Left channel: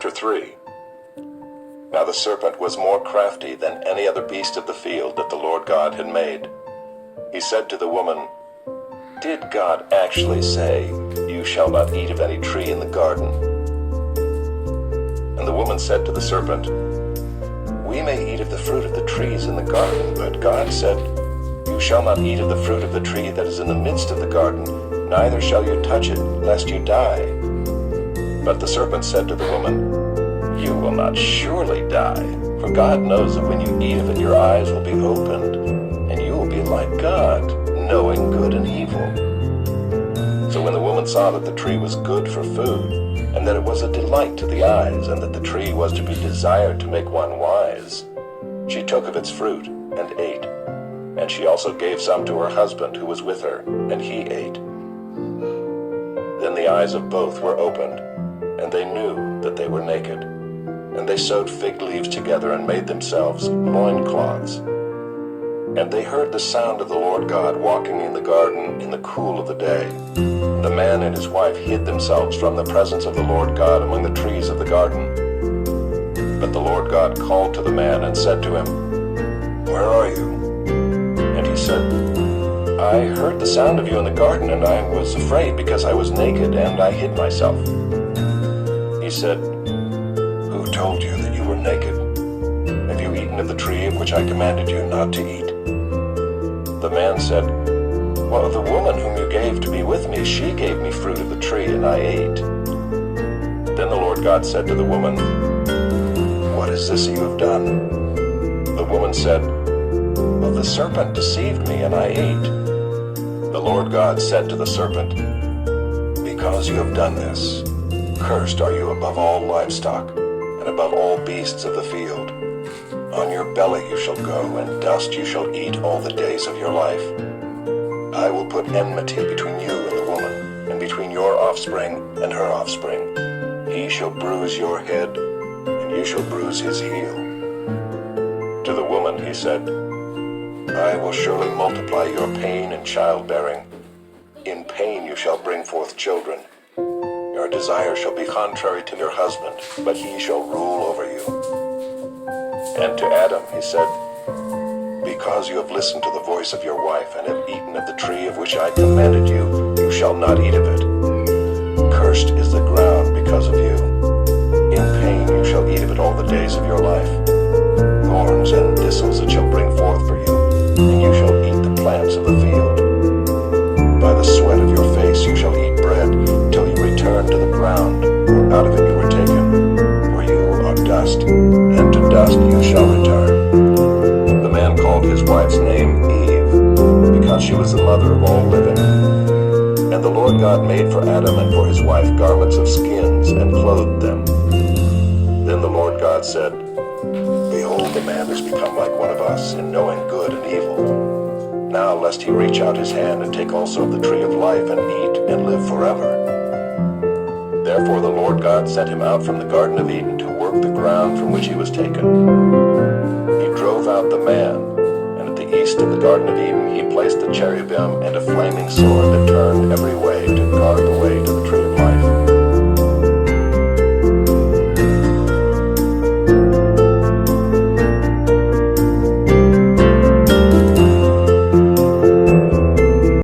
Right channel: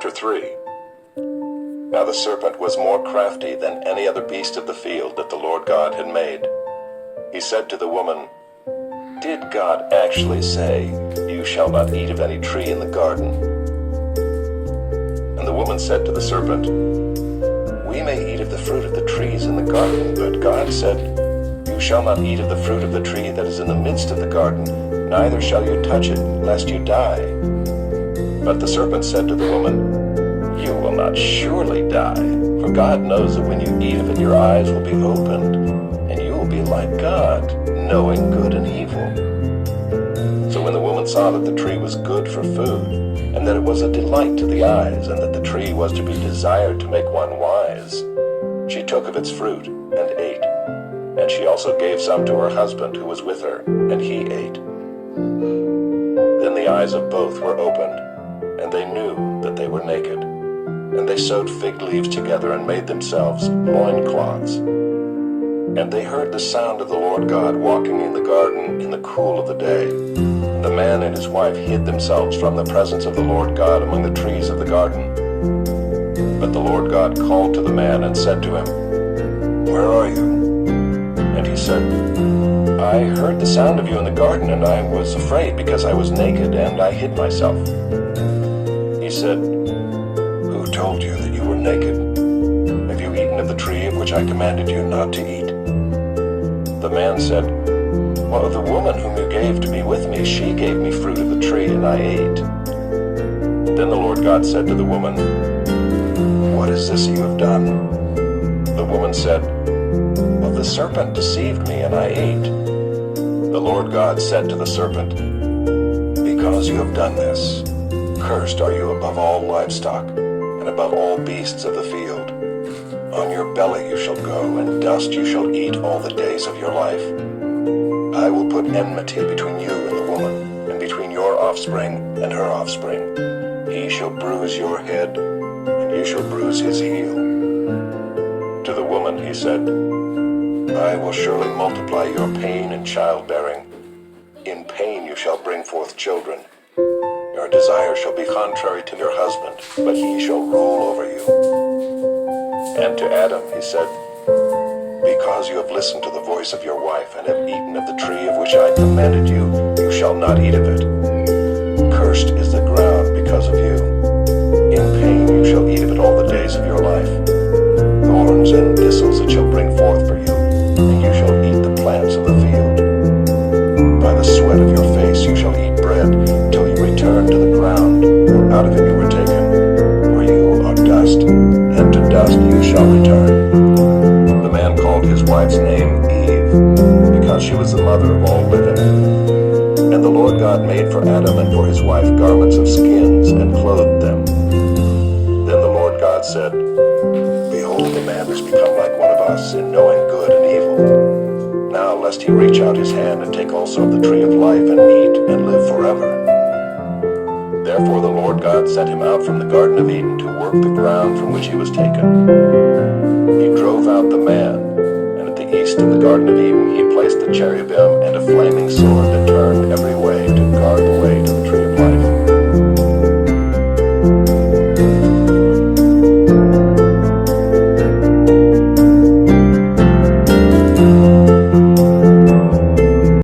Chapter 3. Now the serpent was more crafty than any other beast of the field that the Lord God had made. He said to the woman, "Did God actually say, 'You shall not eat of any tree in the garden'?" And the woman said to the serpent, "We may eat of the fruit of the trees in the garden, but God said, 'You shall not eat of the fruit of the tree that is in the midst of the garden, neither shall you touch it, lest you die.' But the serpent said to the woman, 'You will not surely die, for God knows that when you eat of it your eyes will be opened, and you will be like God, knowing good and evil.' So when the woman saw that the tree was good for food, and that it was a delight to the eyes, and that the tree was to be desired to make one wise, she took of its fruit and ate. And she also gave some to her husband who was with her, and he ate. Then the eyes of both were opened, and they knew that they were naked. And they sewed fig leaves together and made themselves loincloths. And they heard the sound of the Lord God walking in the garden in the cool of the day. And the man and his wife hid themselves from the presence of the Lord God among the trees of the garden. But the Lord God called to the man and said to him, "Where are you?" And he said, "I heard the sound of you in the garden, and I was afraid because I was naked, and I hid myself." He said, "Who told you that you were naked? Have you eaten of the tree of which I commanded you not to eat?" The man said, "Well, the woman whom you gave to be with me, she gave me fruit of the tree, and I ate." Then the Lord God said to the woman, "What is this you have done?" The woman said, "Well, the serpent deceived me, and I ate." The Lord God said to the serpent, "Because you have done this, cursed are you above all livestock, and above all beasts of the field. On your belly you shall go, and dust you shall eat all the days of your life. I will put enmity between you and the woman, and between your offspring and her offspring. He shall bruise your head, and you shall bruise his heel." To the woman he said, "I will surely multiply your pain in childbearing. In pain you shall bring forth children. Your desire shall be contrary to your husband, but he shall rule over you." And to Adam he said, "Because you have listened to the voice of your wife, and have eaten of the tree of which I commanded you, you shall not eat of it. Cursed is the ground because of you. In pain you shall eat of it all the days of your life. Thorns and thistles it shall bring forth for you, and you shall eat the plants of the field. By the sweat of your face you shall eat bread, till you return to the ground, for out of it you were taken. For you are dust, and to dust you shall return." The man called his wife's name Eve, because she was the mother of all living. And the Lord God made for Adam and for his wife garments of skins, and clothed them. Then the Lord God said, "Behold, the man has become like one of us in knowing good and evil. Now lest he reach out his hand and take also of the tree of life and eat and live forever." Therefore the Lord God sent him out from the Garden of Eden to work the ground from which he was taken. He drove out the man, and at the east of the Garden of Eden he placed the cherubim and a flaming sword that turned every way